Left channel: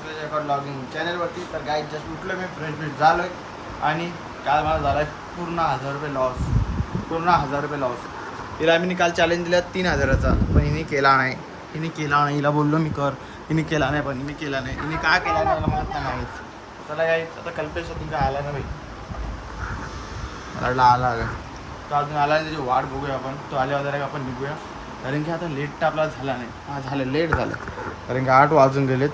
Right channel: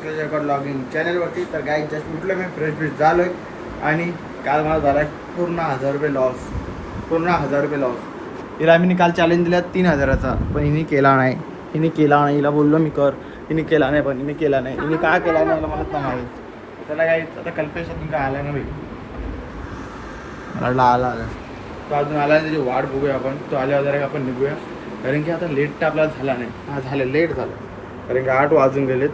Pankaj Gaikwad logging चॅनलवरती. तर guys just उठलो मी, फ्रेश झालो आहे आणि काल मला झाला पूर्ण 1000 रुपये लॉस. पूर्ण 1000 रुपये लॉस. तिला आम्ही काल चॅलेंज दिला 3000चा, पण हिने केला नाही. हिला बोललो मी कर, हिने केला नाही, पण हिने केला नाही. हिने का केला नाही मला नाही माहीत. त्याला काही आता कल्पेश तुमचा आला नाही होईल, आला तो अजून आला नाही. त्याची वाट बघूया आपण. तो आल्यावर जरा आपण निघूया, कारण की आता लेट तर आपल्याला झाला नाही. हा झालं, लेट झालं, कारण की 8 वाजून गेलेत.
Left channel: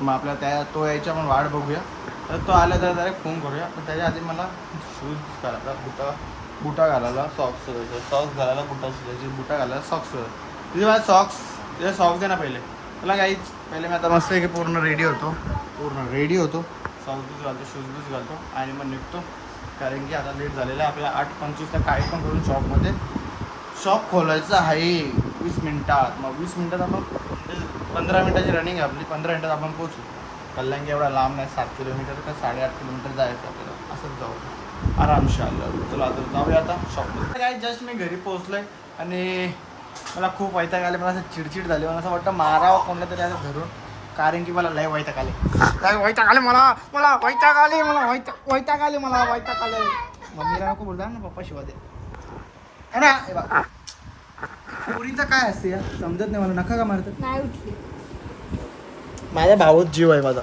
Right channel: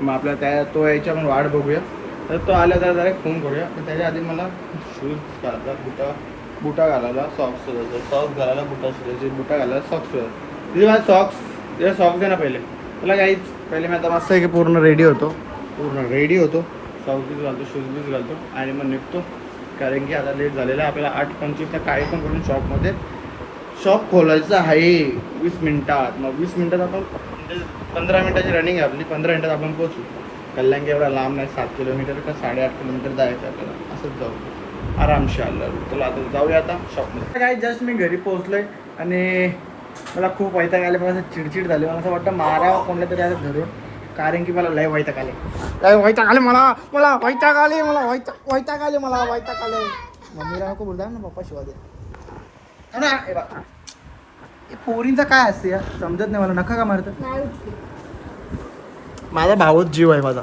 मग आपल्याला तो यायच्या पण वाट बघूया. तर तो आला तर जरा फोन करूया. पण त्याच्या आधी मला शूज घालायचा, बुटा घालायला, सॉक्स घालायला, बुटा घालायला, सॉक्स. तिथे माझे सॉक्स दे ना पहिले. त्याला काहीच पहिले मी आता मस्त आहे की पूर्ण रेडी होतो. सॉक्स बीज घालतो, शूज बीज घालतो आणि मग निघतो. कारण की आता लेट झालेलं आहे. आपल्याला 8:25ला काही पण करून शॉप खोलायचं आहे 20 मिनटात. मग 20 मिनटात आपण 15 मिनटाची रनिंग आहे आपली. 15 मिनटात आपण पोचू. कल्याण एवढा लांब नाही, 7 किलोमीटर का 8.5 किलोमीटर जायचं आपल्याला. असंच जाऊ आरामशी आलं. चला आता जाऊया आता शॉपमध्ये. काय जस्ट मी घरी पोहोचलोय आणि मला खूप वैताग आले. मला असं चिडचिड झाली. मला असं वाटतं मारावं कोणत्या तरी आता धरून, कारण की मला लय वैताग आले. मम्मीला नको बोलता ना, पप्पा शिवा दे ना. पोरींचा काय असते समजत नाही मला. नका का मारतात. माझा भाऊच जीव आहे माझा.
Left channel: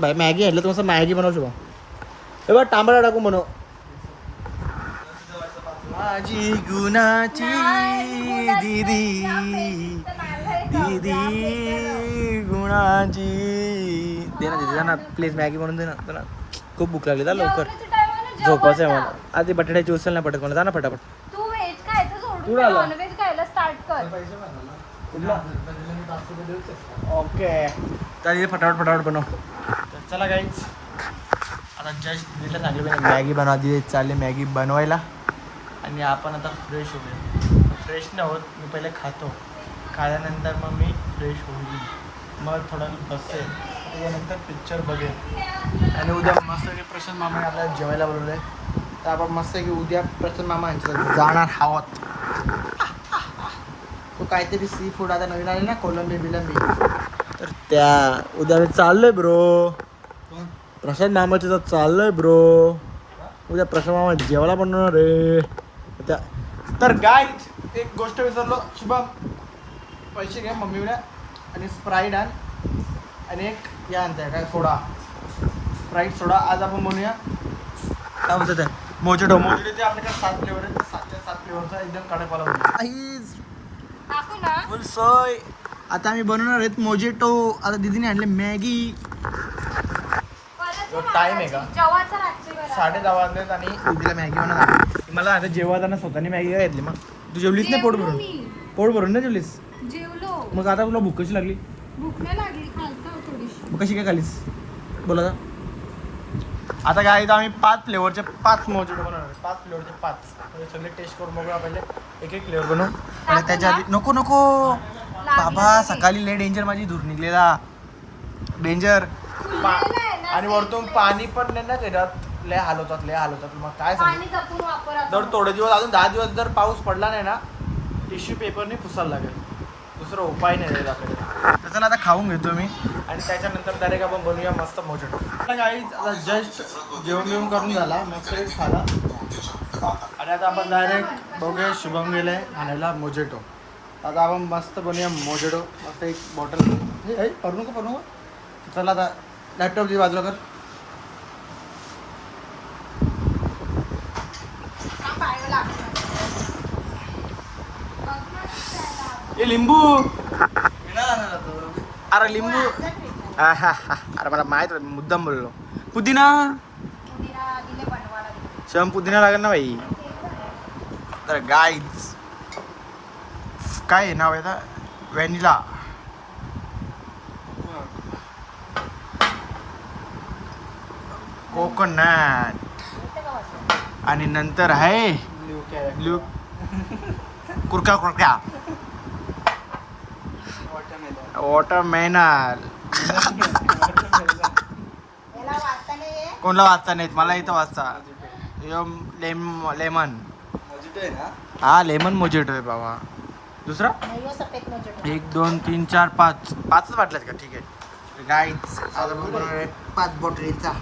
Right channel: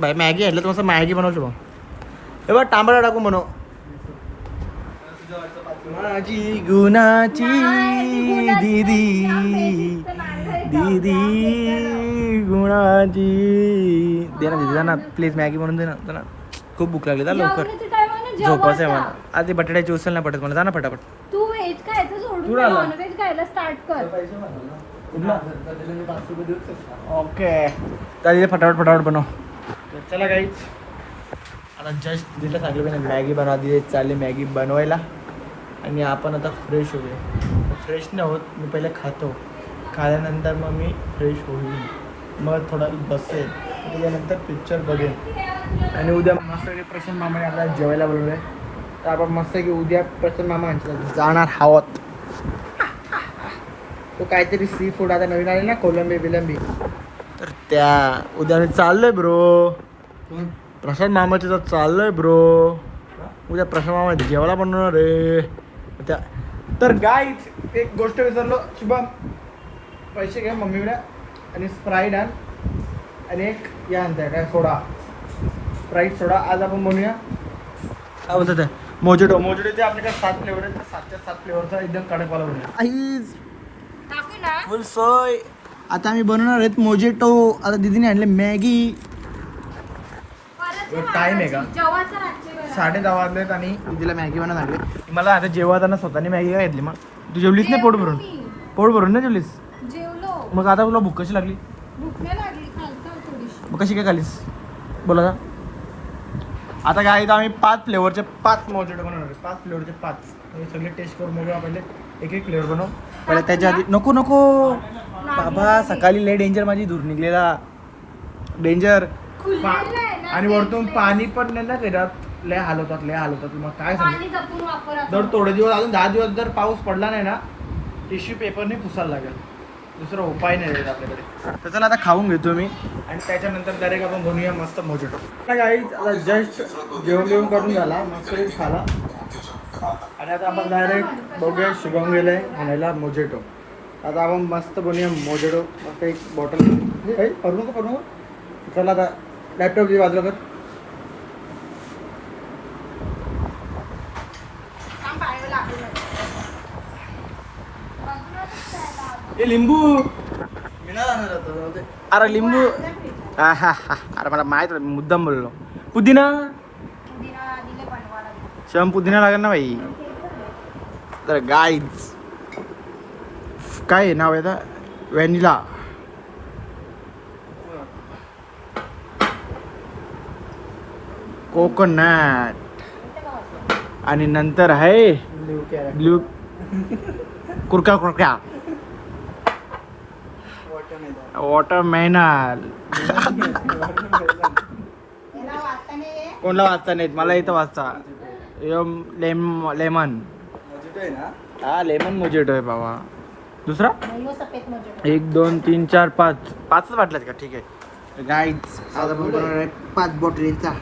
बाई मॅगी आणलं तर मॅगी बनवू शकतो. हे बघ तांबडा टाकून बनव. माझी गुणाची दीदी गुणाची दे ना दीदी, जा ना प्लीज मॅगी म्हणून दे ना. चला खूप भूक लागली. जा लवकर झोपायचं आहे मला. आधी बटाट्याची उचल नाही पडत मला. जा ना फटाफट. तू व्हेज खायचं सोडून नॉन व्हेज खायला स्टार्ट कर. ओके तर फटाफट बनव. तर चला गाईच, आता जस्ट दिलं सांगितलं मॅगी बनवा दी. चालली मॅगी बनवायला आणि आपण आता फ्रेश होऊया. फ्रेश नाही होत, मी पहिले खातो. खाल्यानंतर मग मी फ्रेश होईल. मग थोडा बसेल, त्याच्यानंतर पिक्चर बघेन. आणि उद्या मस्त की प्रशांत मामाने आपल्याला जेवायला बोलवलं आहे. तर आपण मस्त की उद्या प्रशांत मामा यांच्यात जाणार आहोत. तो काहीतरी सी फूड आता नवीन आले ना, कोलंबी बिलंबी, त्या उद्या मी चाललोय ब्रो. प्रशांत मामाच्या तर चाललोय ब्रो. उद्या प्रशांत मामा जेवायला बनवणार रे त्या. तर गाईज एक गोष्ट विसरलो, शुभम पैसे घ्या मम्मीला आणि स्प्राईट आण आणि एक या आणताय काय सोडा, स्प्राईट सोडा. आज आपण बनवूया काय बोलतात मोजेटो. ते आपल्याकडे 7 फ्लेवर आहेत. 7च्या 7 फ्लेवरचा एकदम कडकवाला बनवूया. फुल सोय. आता आम्ही बनवणार आहेत मोजेटो. आता दीदीने आणले मॅगी. टाईम आहे का 10:30 वाजलेत आणि उद्याला मॅगी बनवणार. मला आता जेवताना स्वतःने मॅगी काय घेतली. मग तू जेवलीस नाही? पोट भरून नाही जेवलीस? जेवलो. मग आता तुला भूक कशी लागली? भूक नाही लागली, खालतो थोडीशी. मग कशी काय खालीस बोला. आता काय तर आम्ही 5 फ्लेवरचे 5 मोजेटो बनवणार. 5 फ्लेवरचे 5 म्हणजे सगळे टेस्ट करून बघूया. पहिले एक फ्लेवर बनवू. पहिले त्याच्या आधी नको बाबा, सकाळी लय डेंजर माझी धूर निघलेला. डेंजर. आणि वरतून पाणी पण नाही ना त्याच्यात. लय हालवतात. मग काय सांगू, जर थोडे दिवस अजून 10 दिवस जर पाऊस पडला नाही ना, टिश्यू पेपरने पुसायला लागेल. दुसरा उपाय नाही राहील आपल्याकडे. तर चला आता खाऊन घेतो मी आणि त्याच्यानंतर डायरेक्ट आपण बनवूया मस्त मोजेटो. गाईज आता जस्ट जेवण करून झाला, मस्त खाला आणि आता आपण डायरेक्ट बघूया. शुभम गेले आणायला मोजेटो. आता आपण मस्त बनवूया मोजेटो. मस्त एक बॉटल करू नको. चला आता लॅपटॉप बाजूला कर. लिंबू अरे लिंबू. अरे मला माहित होतं, मुद्दाम बोललो. पुदिना शम पुदिना लागेल ना भाई. तर गाईज काय आहे नाव आहे व्हॅनिला. कोकोनट आणि नंतर आहे ब्ल्यू कुरका वॉटरमेलन. कोणला वाचता नाहीत मला इथं वाचता. लेमन. हा लेमन मोजेटो आहे बाबा. दुसरा 1 2 3 4 5 5च वाटलं का? ठीक आहे. गाईज आज आपण बनवणार आहे 5 बॉटलीचा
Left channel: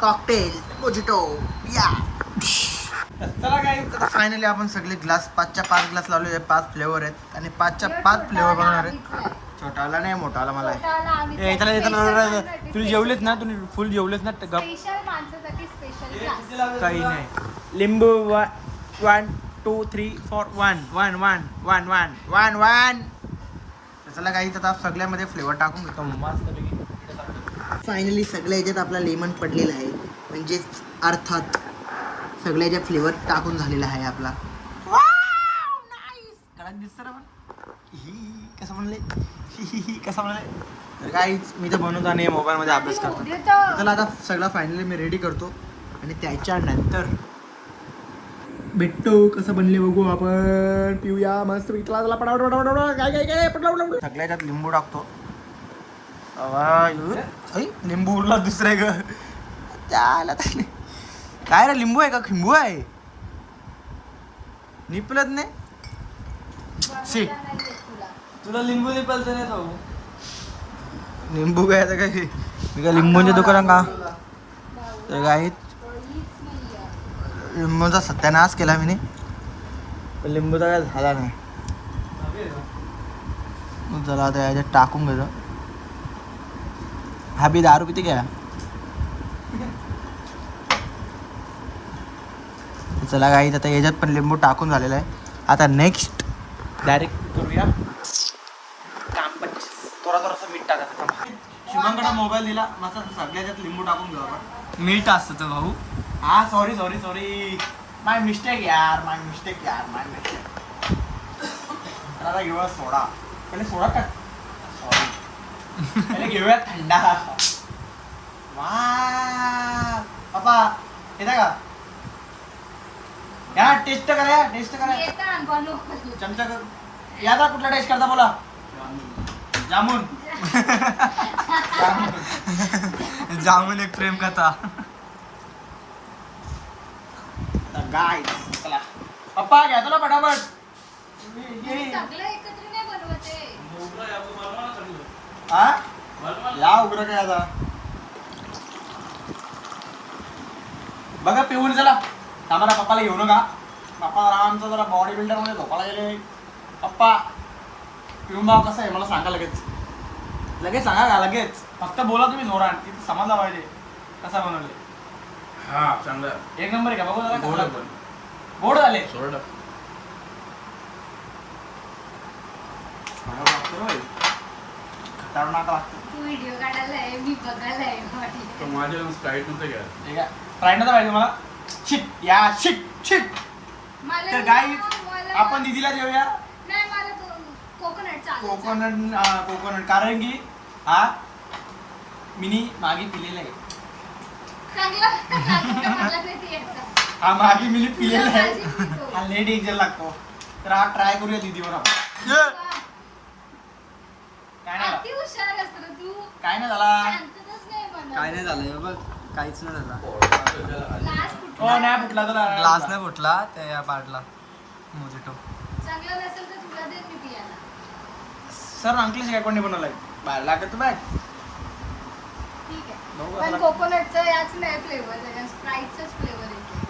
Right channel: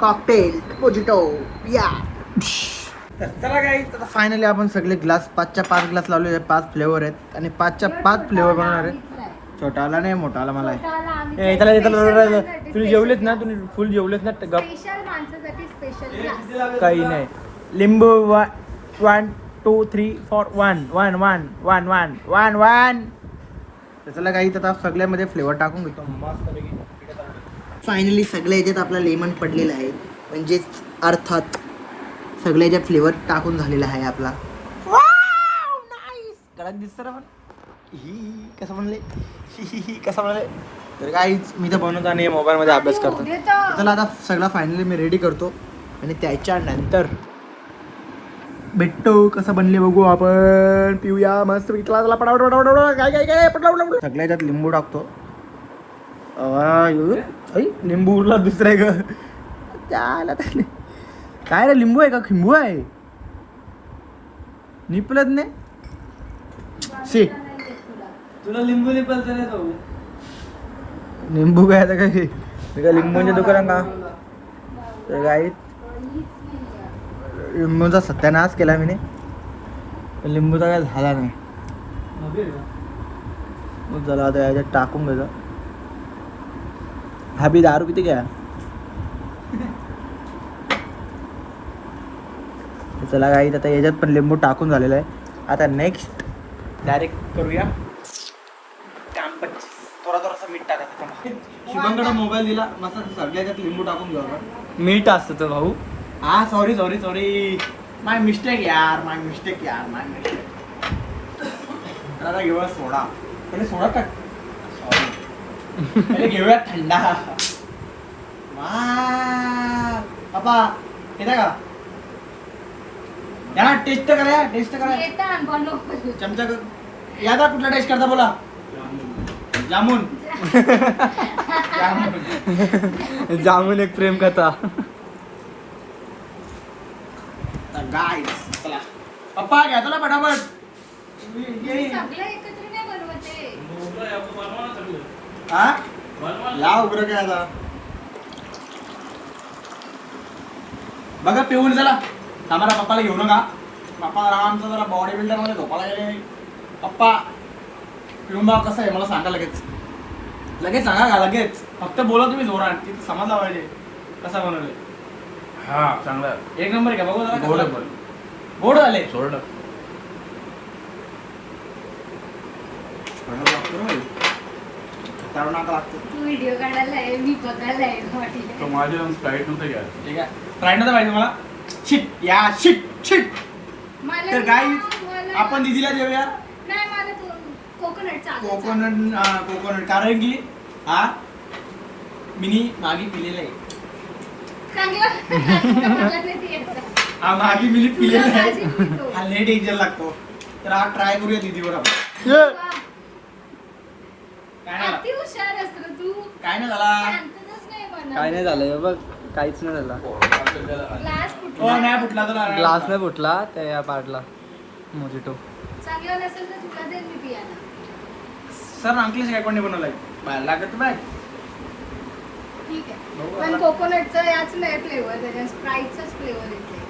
कॉकटेल मोजिटो या. तर चला गाईज फायनली आपण सगळे ग्लास 5च्या 5 ग्लास लावले. 5 फ्लेवर आहेत आणि 5च्या 5 फ्लेवर बनवणार आहे. छोटाला नाही मोठाला मला आहे. तुम्ही जेवलेच ना, तुम्ही फुल जेवलेच ना. गप स्पेशल माणसासाठी स्पेशल क्लास. काही नाही. लिंबू 1 2 3 4 1 1 1 1 1 1 1. त्याला काही आता सगळ्यामध्ये फ्लेवर टाकून घेतो मस्तपैकी. फायनली सगळ्या याच्यात आपला लेमन पडलेला आहे, म्हणजेच अर्थात सगळ्या याच्यात फ्लेवर टाकून झालेला आहे आपला. कडक दिसतं ना पण. ही कसं म्हणले कसं म्हणले. तर काहीच मी तर बनवता नाही, मोबाईलमध्ये अभ्यास करतो. चला आता सगळं फायनली मी रेडी करतो आणि त्याच्यानंतर भेटतो. कसं बनले बघू आपण. पिऊया मस्त क्लासला पटावट काय काय काय पटावट. सगळ्या याच्यात लिंबू टाकतो. लिंबू उरला दुसरा ग त्याला. काय रे लिंबू आहे का खिंबू आहे. निपलत नाही शी. तुला लिंबू निपलत भाऊ. लिंबू काय आता काय मी काय लिंबूंच्या दुकानात का. तर काही लिंबूचा सत्यानाश केला मी. लिंबूचा काय झाला नाही. चला आता याच्यात टाकून घेतो. हा बी दारू पिते क्या. चला काही आता याच्यात पण लिंबू टाकून झालेला आहे. आता नेक्स्ट डायरेक्ट करूया काम. थोडा थोडासा मीठ टाकायचं. शुभमकडे मोबाईल दिला मस्त सगळ्याच्यात लिंबू टाकून घेऊ आपण. मीठ असतं तर भाऊ. हा सॉरी सॉरी सॉरी माय मिस्टेक यार माय मिस्टेक. आता घेऊया सोडा. पहिले सोडा टाक. सॉरी पहिले घेऊया थंडा. वा पप्पा येता का या टेस्ट करा. टेस्ट करा येतं बनव. चमचा याचा कुठला टेस्ट करता बोला. जामून जामून एक प्रेम कथा. गाईस चला पप्पा घ्या चला फटाफट. सगळं एकत्र नाही बनवते. हा या उग्र काय आता बघा पिऊन. चला आम्हाला पप्पाला घेऊ नका. पप्पा आमचा जरा बॉडी बिल्डर मध्ये झोपाला गेले. पप्पा पिऊन भाव कसं आहे मला सांगा लगेच. लगेच सांगा का लगेच. फक्त बोला तुम्ही जोरात. तिथे समजला पाहिजे कसा बनवले. हा चांगला एक नंबर आहे का बघू जरा गोड कसं आहे लागतं. गोड झाले. सोडलं खतरनाक लागतं. तू व्हिडिओ काढायला आहे, मी बघायला आहे. तो माझी स्प्राईट नव्हतं घ्या. ठीक आहे ट्राय नव्हता पाहिजे मला. शिट या शिट शिट. मला तर गाईज मला- आपण दीदीला देऊया नाही मला तो कोकोनट चालेल. कोकोनट कारण की हा मिनी मागे पिलेला आहे. चांगला मला नाही ते यायचं. हा मागे मिनी पिलेला आहे. माझी पितो. हा लेट डेंजर लागतो. तर हा ट्राय करूया दीदीवर आपण. काय नाही झाला. किती हुशार असतो रे तू. काय नाही झाला. शांतताच नाही बनवत. काय नाही झालं बघ. काहीच नाही झालं. ग्लास हो फुटला. नाही फुटला तर ग्लास नाही फुटला त्या पाडला मोजिटो. चांगलं नसेल तर तुला देईन मी पियाला. सर अंकलेश काय कोणी बनवलाय बाहेर लागत बॅग. ठीक आहे. पण कोकोनटचा याच नाही फ्लेवर, त्याच्या स्प्राईटचाच फ्लेवर येते.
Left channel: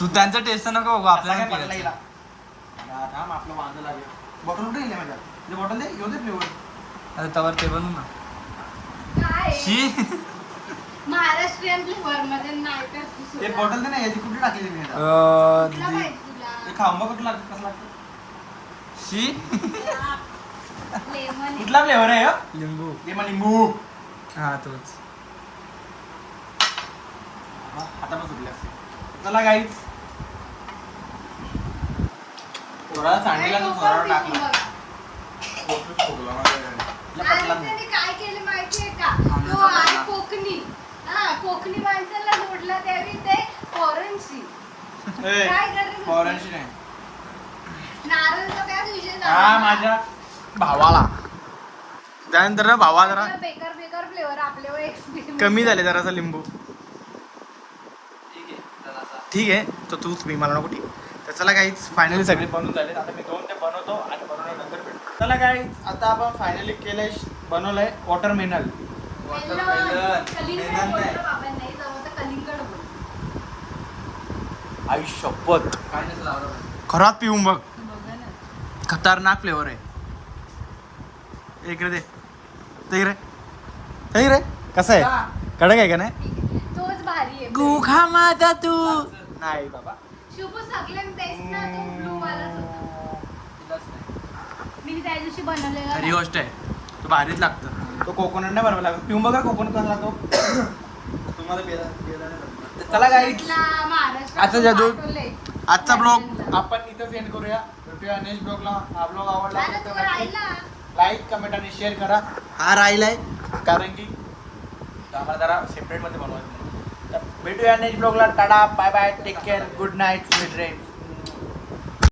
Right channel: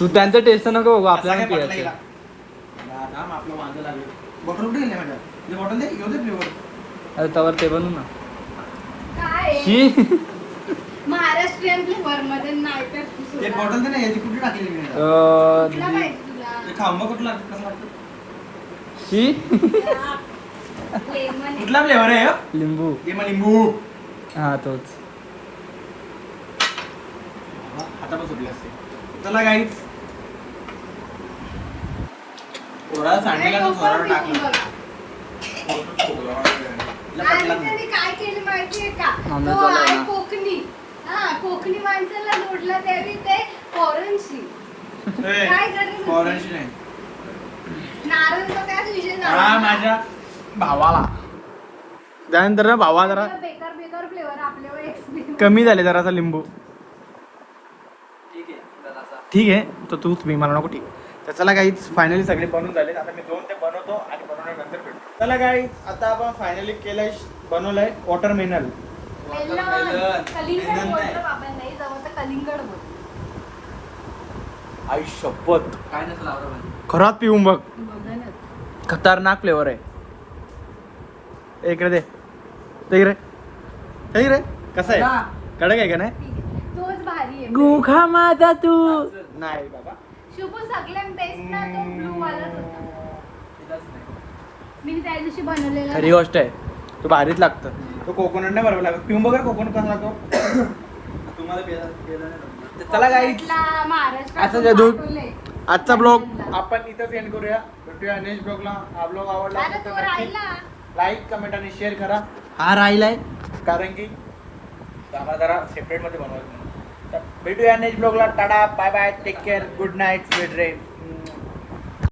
तू त्यांचं टेस्ट नको बघू आपल्याला पियाचं. आपलं वांदं लागेल. बॉटल कुठे गेली माझ्या. ते बॉटल दे घेऊ दे फ्लेवर. अरे तवर ते बनवू ना. काय आहे? शी. महाराष्ट्रीयन फ्लेवर मध्ये नाही तर ते दुसरं. बॉटल दे ना याची कुठे टाकलेली मी आता? कुठला दीदी. पाहिजे तुला? ते खांबा कुठला कसं लागतं. शी. लेमन. कुठला फ्लेवर आहे हा? लिंबू. लिंबू लिंबू. हा तोच. आता पण सुटले असते. चला गाईच थोडा सांडलेला तो थोडा टाकला. आणि त्यांनी काय केलं माहितीये का? आमरस तो वाला आहे आहे ना. कोकणी. हा कोकणी माणसाला मोडला त्यावेळी ते फॉरेनशी ए, काय करायचं? फॉरेनशी नाही. नारळचा त्याच विषय झाला हा ना. माझ्या भावाला त्यानंतर ना भावा जरा बेकार बेकार फ्लेवर आपल्यावर एक्सपेरिमेंट. कमी झाले जरासा लिंबू. ठीक आहे तर तूच मी मला नको. तर चला काहीच फायनली सगळे बनवून झाले. आता मी 2 ते बनवतो आणि बनवल्यानंतर भेटतो. चला काय आता आपण फायनली केलंय बनवलंय वॉटरमेलन. आई शपथ खरात पिऊन बघ. खतरनाक फ्लेवर आहे. एक रे दे ते रे कसं आहे कडक आहे का नाही. तोच भारी आहे. गुखा माझा तू नाही बाबा. शुभ सगळ्यात बेस्ट ना तो blue वालाच होता. मी त्या दिवशी बनवलेला. खरी गोष्ट आहे. तू भारीच लागतं. तो कोकोनट नाही बरोबर लागत. पिऊन बघा कोकोनट कसा लागतो. तुम्हाला चला गाईज आता जादू. आजचा ब्लॉग आपण इथंच एंड करूया. भेटूया नेक्स्ट ब्लॉगला. हा ब्लॉग आवडला असेल तर नक्की लाईक कमेंट आणि शेअर करा. हा राहिलाय. कारण की आम्हाला जरा सेपरेटमध्ये बनवायचं. तर भेटूया नेक्स्ट ब्लॉगला. Tata bye bye take care good night sweet dreams.